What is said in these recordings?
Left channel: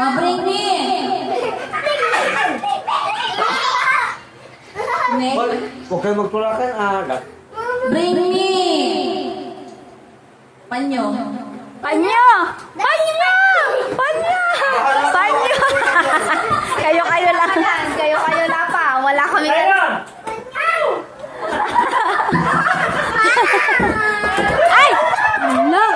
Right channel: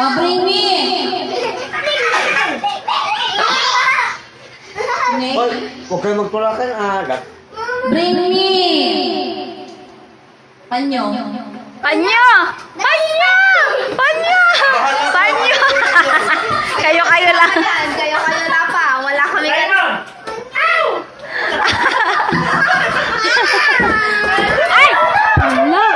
Oh, bring me. Huwag kayo magtulakan, agad. Bring me. Panyo. Panyo! Panyo! Panyo! Panyo! Kayo-kayo lang. Kayo lang pa. Wala kami kayo. Ay! Wala.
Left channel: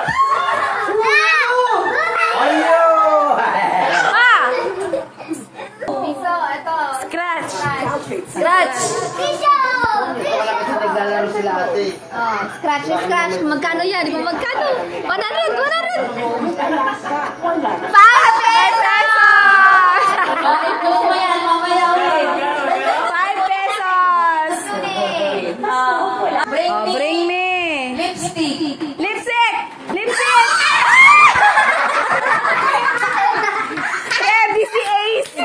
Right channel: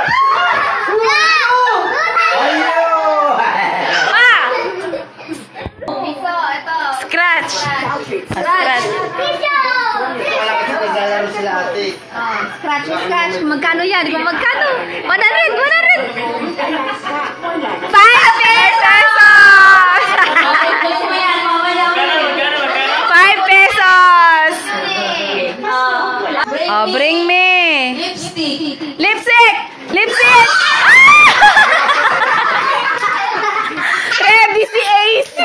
Ah! Piso, ito. Scratch. Scratch. Naglalaro sila ate. Oh, scratch. Magkano yan? Di ba magkano? 100! 5 pesos! 5 pesos! Oh, bring me! Lipstick. Lipstick! Lipstick! Ready si AC!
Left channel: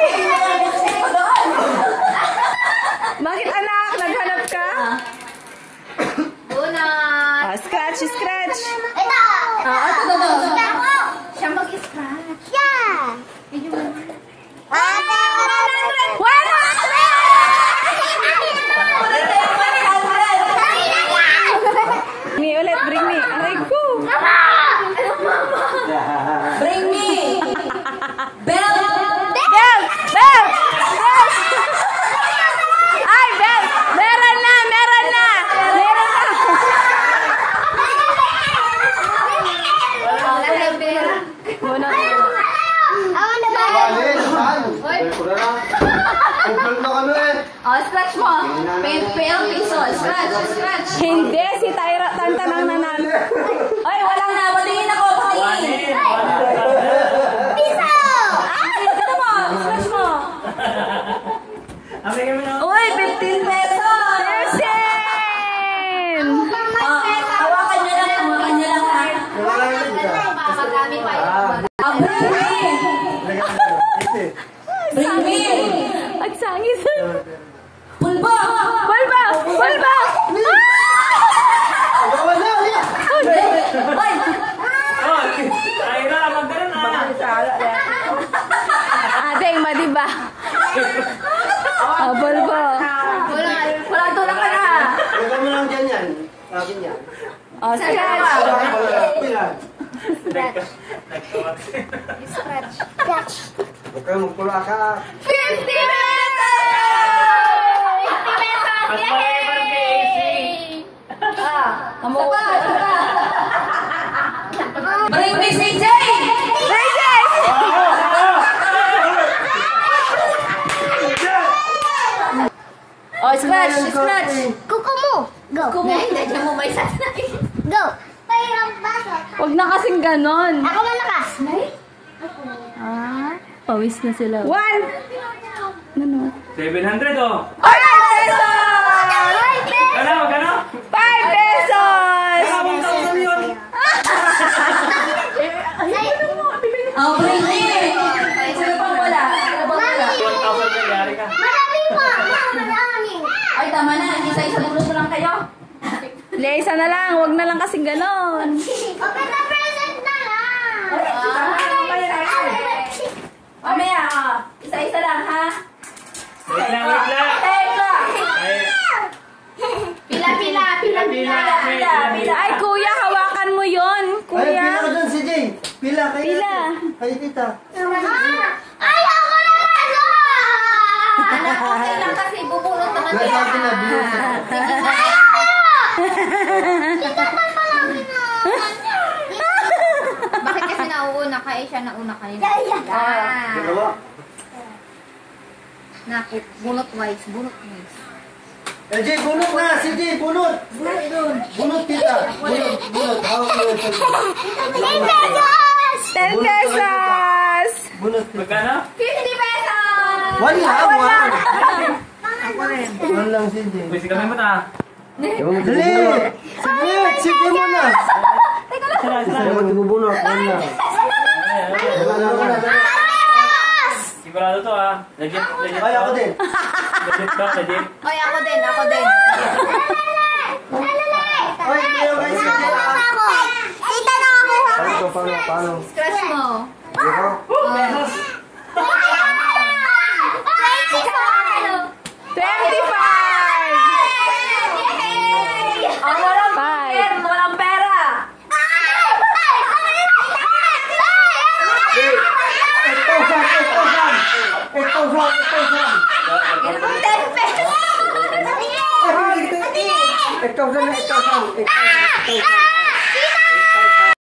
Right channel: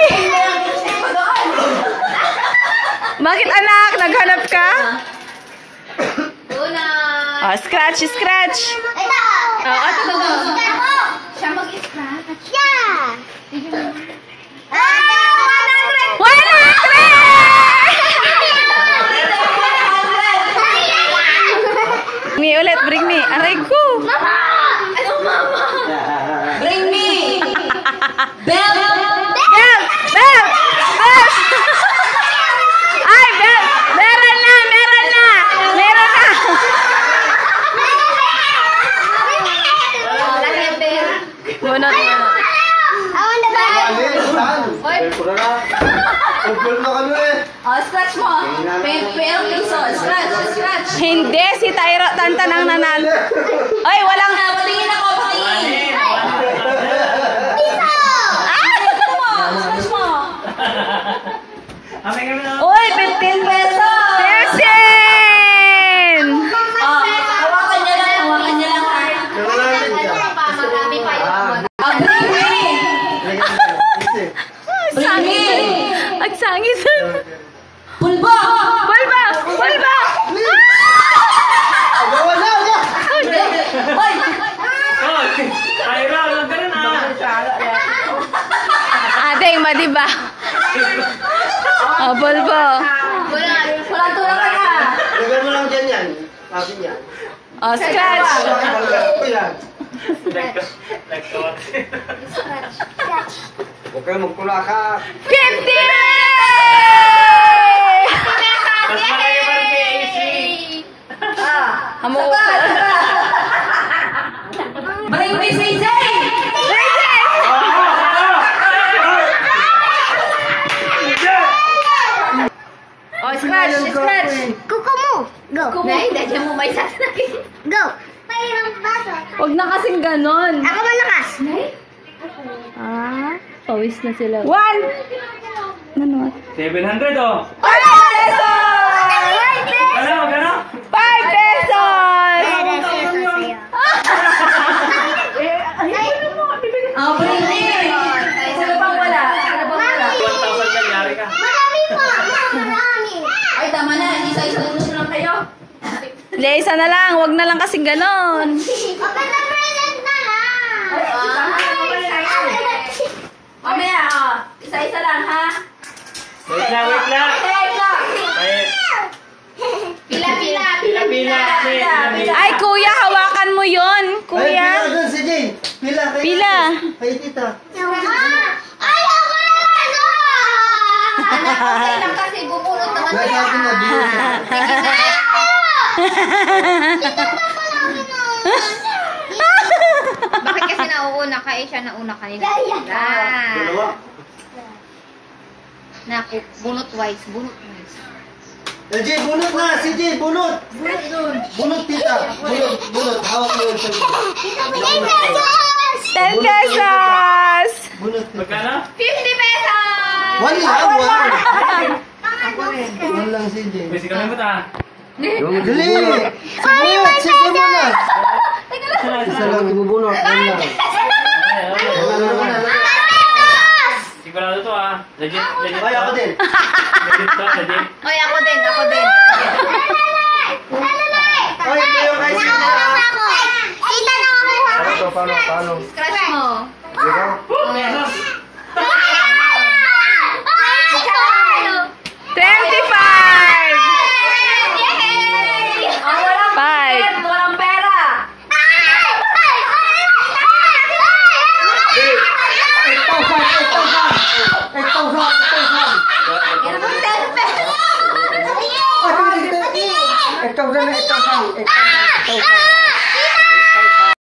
Bakit anak? Naghanap ka? Una. Oh, scratch, scratch! Siya mag-scratch. Yeah! 100! Me ulit, bring me. Aray ko! Ano, mama? Bring me. Bell. Belt! Belt! Belt! Ay, belt! Meron na! Meron na! Meron na! Bunot, bunot. Oh, scratch mo. Piso. Scratch. Hindi, si Tyra Tantan ang nanalo. Ay, walang Na, patingin ako. Patingin. Scratch mo. Uy, 15 pesos! 15! Oh, hawakan niya lang ha. Marami pa yun. Oh, bring me. Bring me. Ang sangit! Pulbo. Pulba! Pulba! Hoy. Adeng, madiba? Oh, pulbo! Wala tulak ka na. Lagyan mo lang dyan yan. Akin yan. Oh, scratch! Huwag kayo magtulakan. 50! Mas malaki pa rin kay AC. Amo. Bring me CJ. Oh, scratch! Scratch! Kuko mo! Go! Nay, dadya mo may sasakit. Go! Mayroong baso. Huwag na kasing ganon. Ako malakas. Ah, pawis na sila. 1! Nanot? 700 oh. 5 pesos! Magkano? 5 pesos! Oh, bring me. Wala pang wala. 1,000 na yari ka. Marami pa! Marami! Ay, tama na. Isa-isa mo lang kayo. Isa na lang. Huwag na lang kasing ganon. Open the present na lang! Mamaya, isa-isa lang, ha? Wait lang. Teka. Pila. Ay, kuya, hawakan mo yon, Ay, kuya. pila doon si Jane. Pila. kayo. Pila. Ay, tita. Ay, ako naman! Anak, okay lang kasi bubulot naman Nasa kaya. akin na biyo. Bakit kasi nauuna ka? Eh, siya nauna kanina. Dalawa. Naku, bunot wise. Eh, Jane, bunot na. Si Jane, bunot. Bunot, tita. Bunot. Hawak mo yung sabi. 10 pesos! Bunot, tita. Magkano? 50 pesos! Wala. Wala lang si Jane. Pwede kami mo ta. Dali! Sige mo na! Isa lang ibubunot. Wala. Sigurado to ah. Legit Ay, ako to. din. Legit to, legit. Ay, ako din. Ay, kayo guys. Kita na ako. Paano? Scratch mo. Pesos.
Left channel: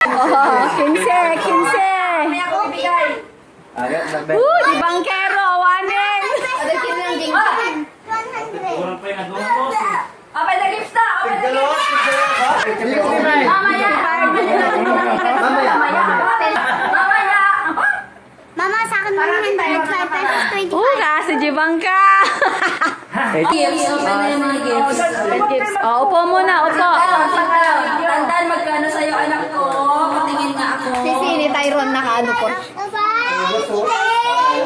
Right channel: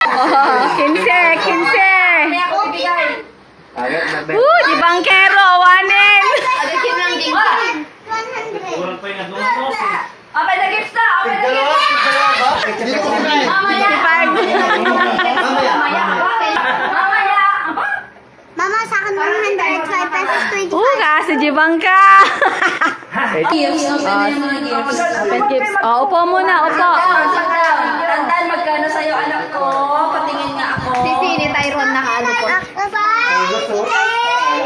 Oh, 15. Kaya ako bibigay. Di bangkero, wanin. Alagyan lang din ka. 100. Kurang pa yung nagumos eh. Open the gifts na! Open the Dalawa, gifts! dito si Mike. Mamaya! 55. Mamaya! Mama, sa akin 105 pesos 20. Kasi di bangka. Gifts. Open na yung mga gifts. Oh, upo muna, upo. Tandaan magkano sa'yo anak ko. Patingin nga ako. Sisini Tyron nakaano po.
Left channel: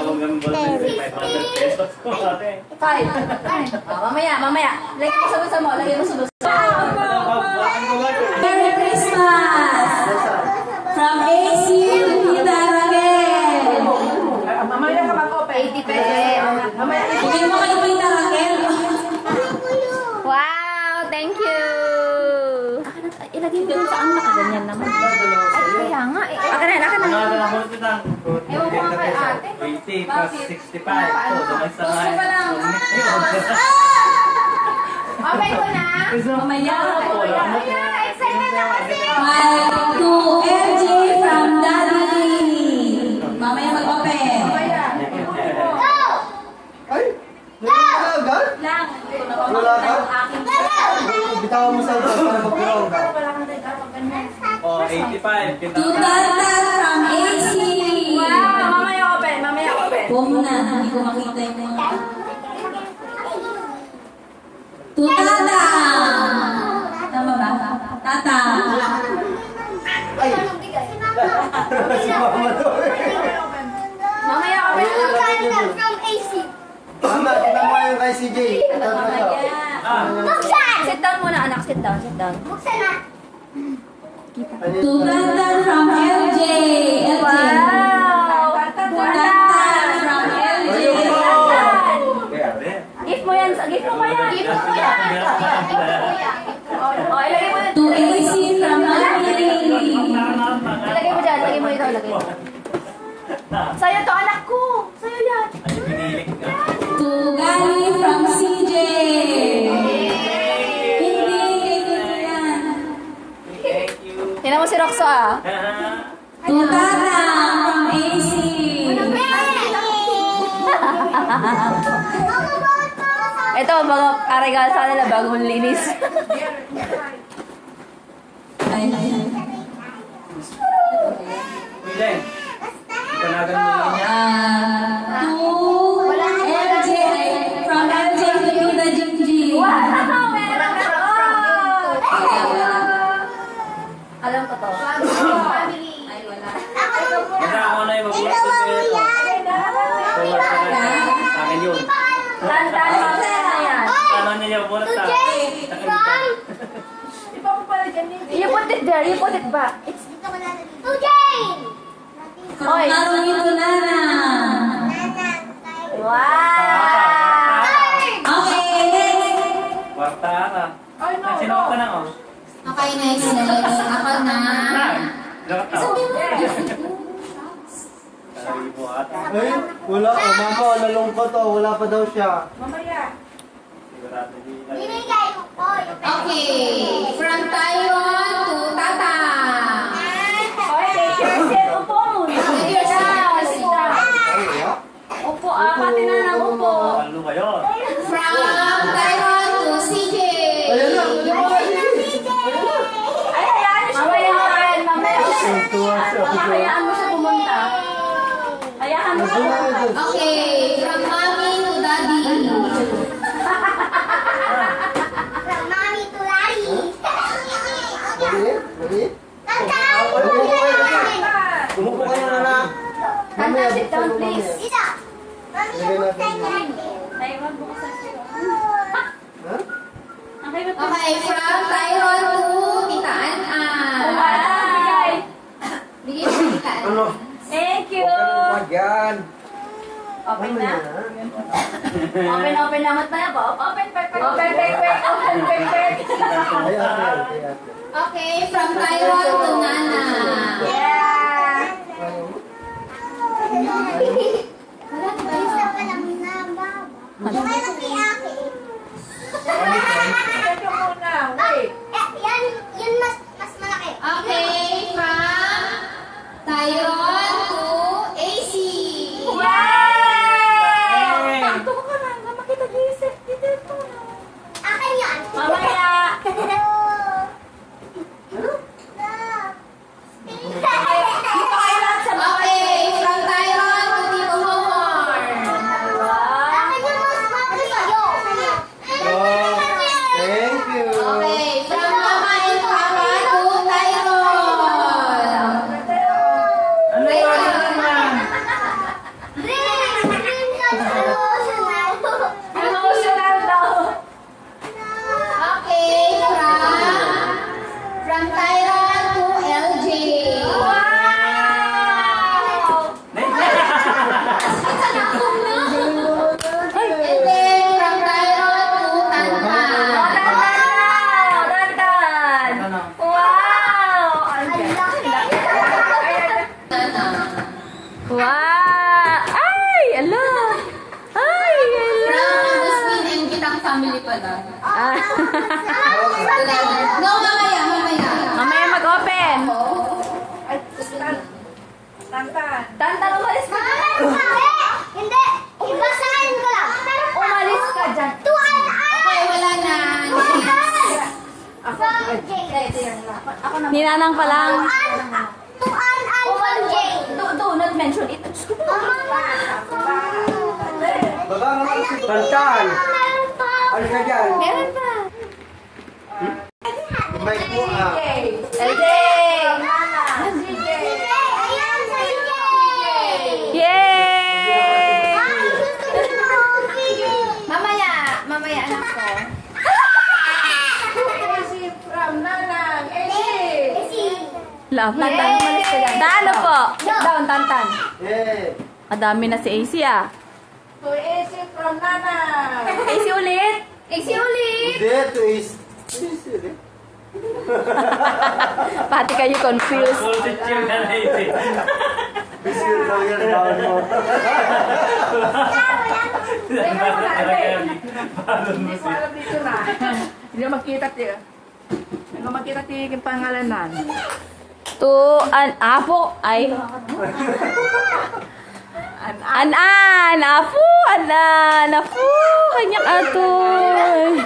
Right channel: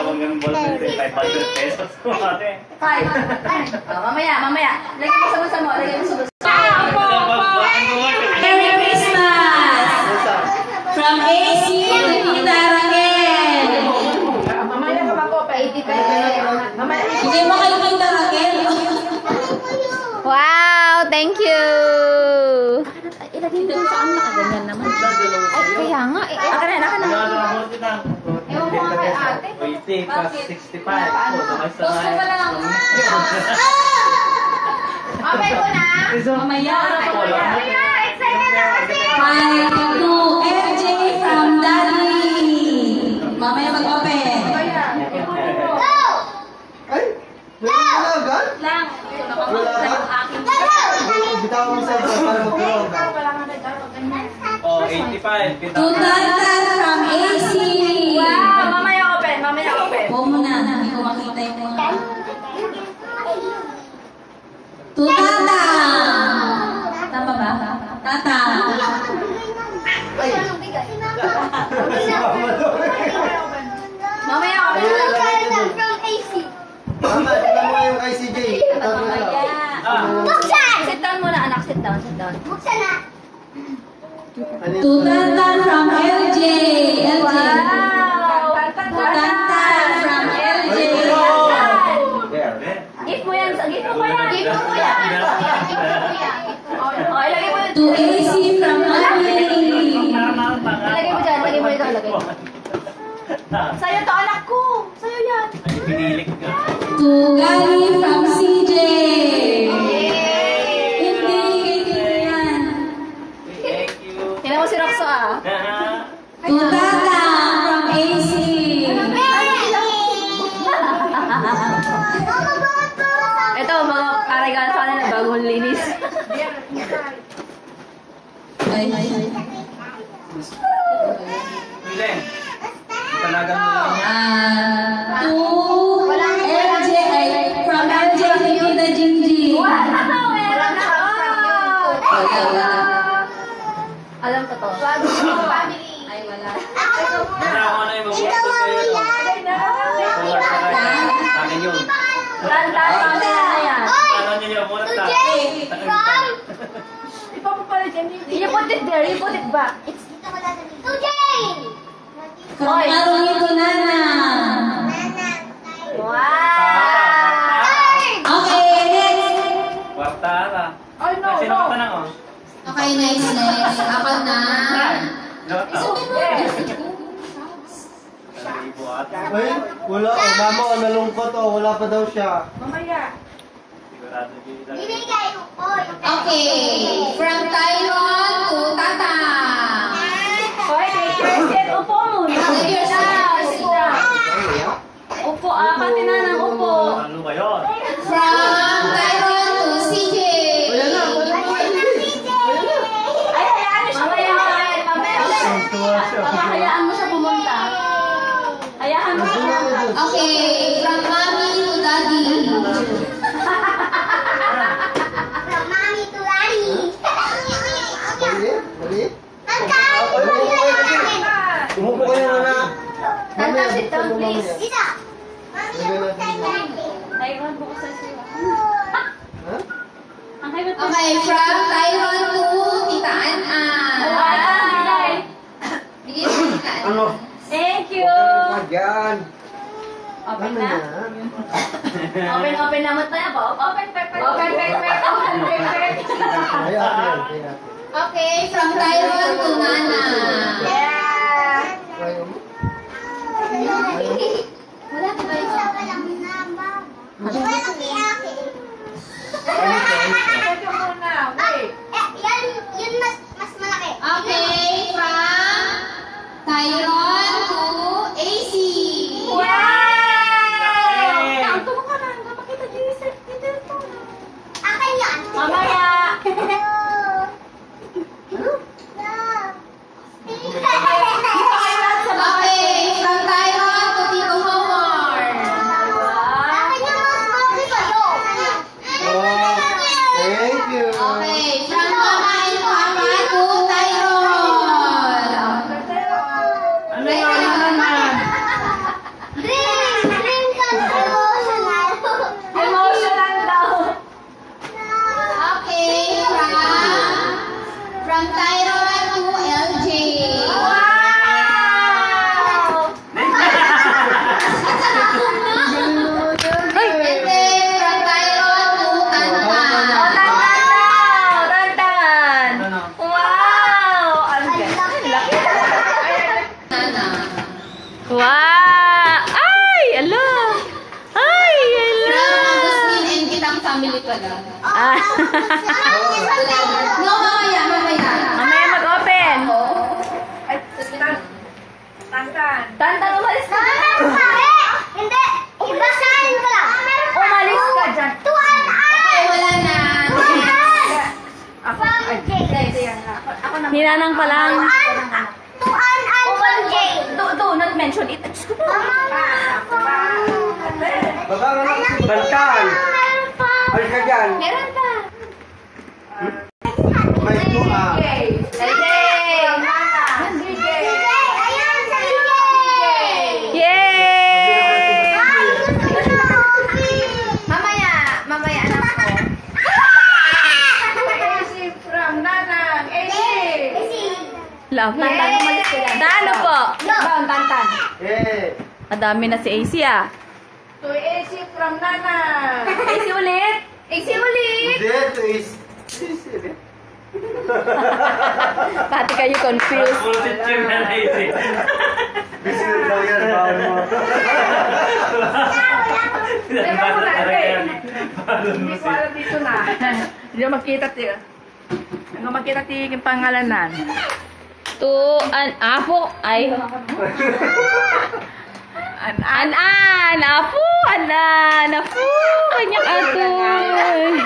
Huwag kami bola 500 pesos. Ate. 5. Mamaya. Lagay mo sa bulsa mo. Merry Christmas! From AC to Tita Raquel. Mamaya ka mag-open. 80 pesos. Mamaya. Bigay mo kay Tita Raquel. Wow, thank you. Ilagay mo sa anak. Ganyan naman. Kaya nga eh. Akin na. Ewan ko nga kay ate. 20 plus 65. Gusto pa lang. Open ko na. Mamaya. Excited na kasi. To LJ from Daddy. Mamaya mag-open. Ay, wala agad? Lang. Wala ka? Bitawan mo sa ito para mag-grow ka. Oh, 85. To Tata from AC. Wow. Mamaya open. Upo muna. Hindi ko makita yung mga... To Tata. Tama ba? Tata. Ay, Mamaya open. From AC. mama, tingnan mo yung kay CJ. Mamaya. Buksan! Sit down muna anak. Sit down. Buksan na. To Tata from LJ. LJ. Wow. To Tata from LJ. Gift mo yan. Gift mo yan. Oh, ilagay mo. To AC from Mami. Ilagay mo dyan. Ilagay mo ito. Ilagay mo. Sa'yo to anak ko. Sa'yo yan. Pinilik nga. To Gary from CJ. Hindi, ganyan yan. Thank you. Tingnan mo si Roxo ah. To Tata from AC. Ito, mga karigala sa kanila bagong linis. Ay, Bileng. Panagan mo lang yan. to LJ. From LJ to Tita Jinji. Meron na. Alam ko to. Family. Wala ako na yung mabulat ko sa'yo. Sa akin yun. Tandaan na yan. Tama na niya, mabulat ka. From You put it there. You put it back. It's to Jane. From Maroni to Nana. Wow. Okay, next. Kwartara. Sino ka pa na, oh? Okay, next. Ako na. Ay, wala. Oh, mama, oh, nalungkot. Oh, wala pa daw siya. Binigay ko po. Okay. From Taiwan to Tata. Upo muna. Upo. Pati na ng upo. Ano ba yun? From Taiwan to CJ. Ayan na. Ay, hayaan mo siya. Tuwa siya. Hayaan mo siya pumunta. Hayaan mo siya. Okay. From Mommy to Daddy. From mommy to daddy. Mali? Tata! Umupo kayo na na. Mamaya, Sit down, buksan mo please. mamaya. Dito. Mami, Lagay natin buksan dito. natin. Taiwan, buksan siya. Ha? Okay. From Taiwan to Tita An-An. Bigyan mo Tita An. Ano? Thank you. Yan. Open Ano na. na? Open naman tayo po. Open. Ay, ate, ate, ate. Okay. From Taiwan to Nana. Yeah. Ayun. Wala na ba isa pa lang Wow! Ay! Ala! Ay! Ala! Gusto kitang family pala. Ah. No, mamaya. Mamaya mag-open. Tantan, umalis ka. Hindi! Ibasahin ko lang! Umalis ka dyan. Tuan Okay, wala na. from Jake. Ako na. Ninanang pa lang. Tuan from Jake. Do not mention it. Baba nga lang si Bantal. Meron pa. Ay ka dyan. Meron pa. May po ah. Ayan, sa Jake. Yay! Ay, gusto ko na coffee. Mamaya, anak ko. Love na Tano po? Down, Tantan. Eh. Madami na si AC ah. Easy ulit. Iksi ulit. That is... Pati kayo confused. Positive na naisip. Busy yung daw yan. Tawag mo. Hindi ko alam dito na. Hindi na makita tiyo. Ano makita tiyo yung pangalanan? Apo. Ay. An-an. Apo. An-an. Apo. Kanyang atoy.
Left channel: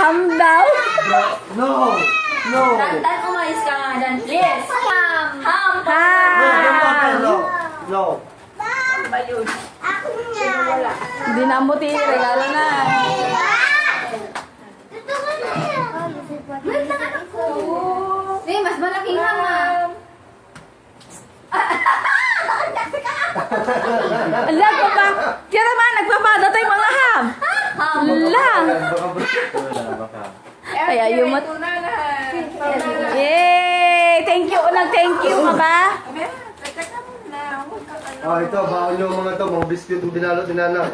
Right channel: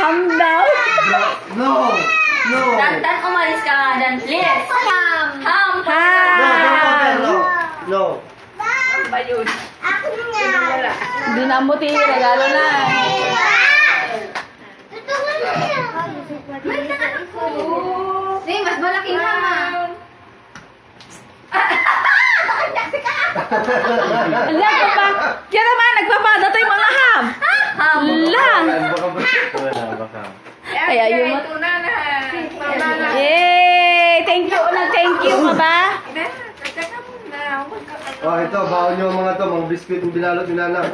Ham daw. No. No. Tantan, umalis ka nga dyan. Please. Ham. Ham. No. Ba yun? Ako nga. Wala. Hindi na mo regalo na. Hindi, mas malaki nga ma. Ala pa ba? Kaya naman, nagpapadatay mga ham. Lang. Kaya yung mat... Yay! Thank you. Thank you ka ba? Oh, ito. Baon nyo mga to. Mga biscuit yung binalot ni Nana.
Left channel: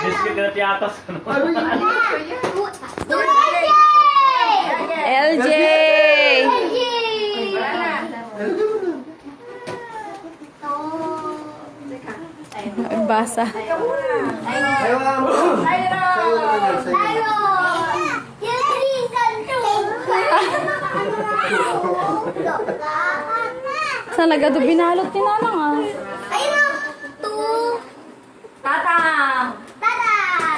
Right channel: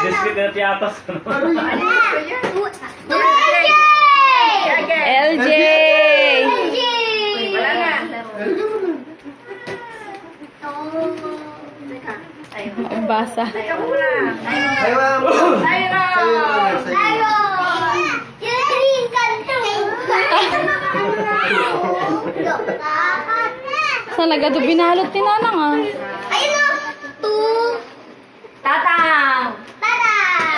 Biscuit na tiyatas. LJ! Ay, basa. Ayaw mo. Sa'yo. Saan nagado binalot ni Nanang ah? Tatang.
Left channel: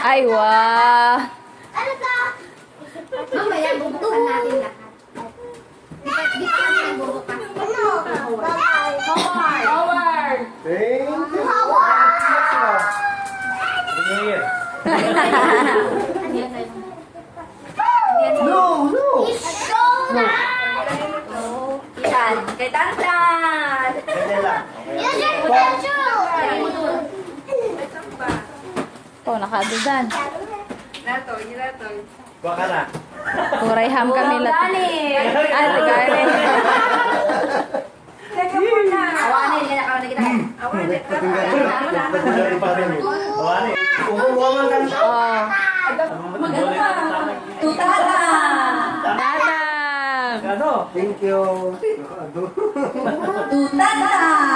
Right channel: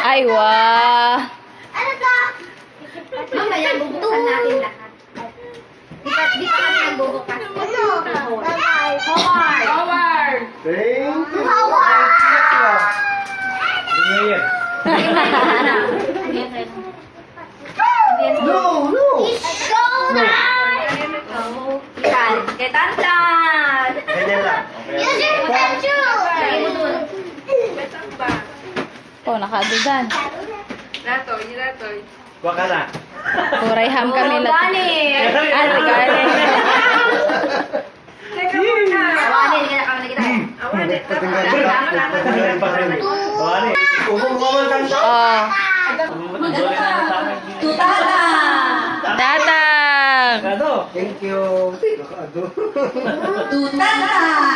Ay, wah. Mamaya, bubukan natin lahat. Di pa kami nagbubukas. Howard. Thank you. Ngayon. No, no. Yan. Kay Tantan. Ganyan lang. Oh, nakadudan. Kuha ka na. Kuray ham kami lahat. Gani. Ah, gani. Oh. Tatang. Thank you. Nakado.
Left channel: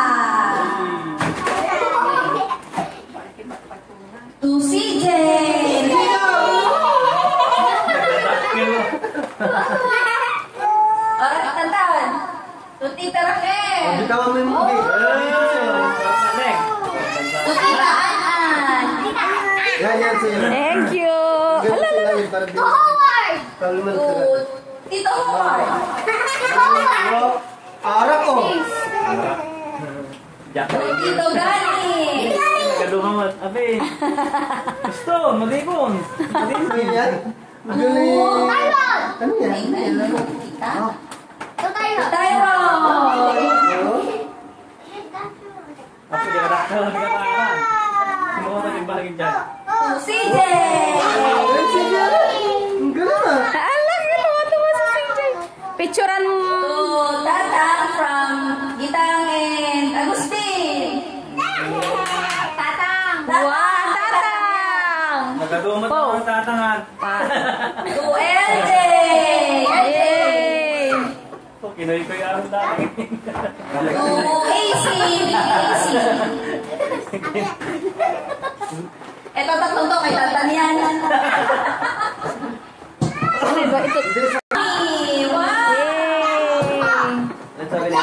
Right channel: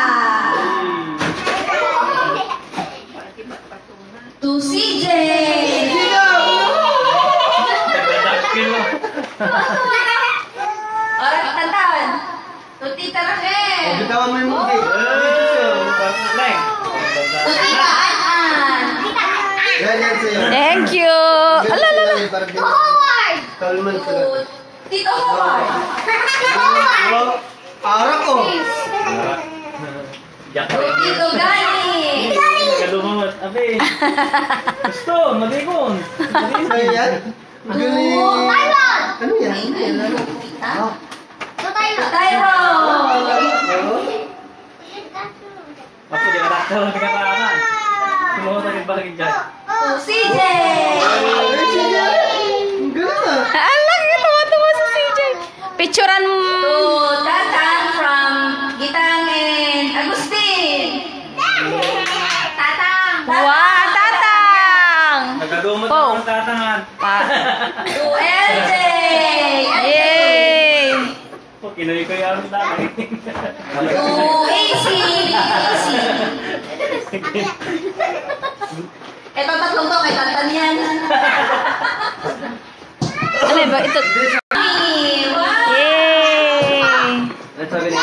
To CJ! Alright, Tantan. To Tita Raquel! Oh, bitawan mo yung movie. Dito siya. To Tita An-An! Yan sa'yo. Thank you. Alalala. Howard! Kalman ka na. Tito Howard! Oh, arak ko. To Tito Gani! Nagdumamot. Abe. Gusto. Mag-ikon. Ano yan? Galing. Tyron! Ano yan? Tita? To Tyron! Tyron! Ako, di ka nakatawa. Di ka paraan. Sumuha ka rin bakit dyan. To CJ! Ang galing ah. Alang, tuwa-tuwa si CJ. Picturean mo. To Tatang from Gitang and Agustin! Tatang! Wow, tatang. Nagdumamot Oh. ang tatangan. Pa. To LJ! Yay! Kinoy ko yung dami. Oh, easy! Easy! Ito tatlong to, kay Tantan yan. Ano ba? Ito. Wow! Yay! Let's have it.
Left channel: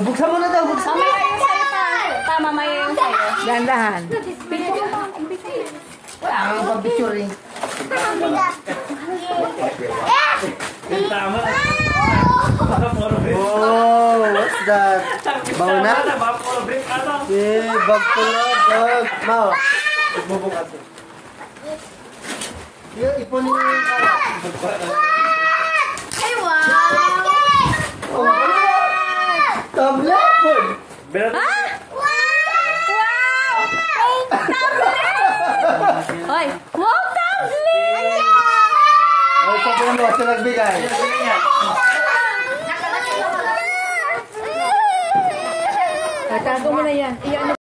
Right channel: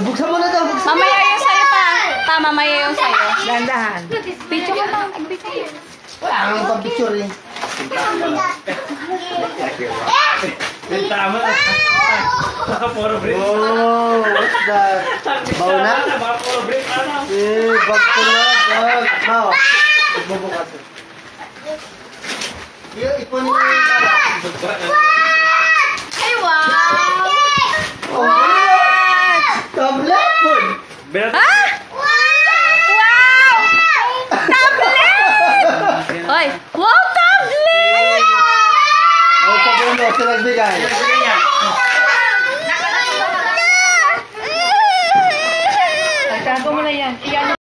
Buksan mo na daw, buksan. Mamaya yung sa'yo pa. Mamaya yung sa'yo. Dahan-dahan. Wala kang pang-picture eh. Yung tama. Puro break. Oh, what's that? Bauna? Baka puro break. Ano? Eh, bag ko na, bag. Mau, magbubukas. Ipunin mo yung Ay, wow! Oh, tablet! Berat. Ah! Wow! Tablet! Hoy! Wow, tablet! Ay, sa puno, sa nagbigay. Tago mo na yan. Iyan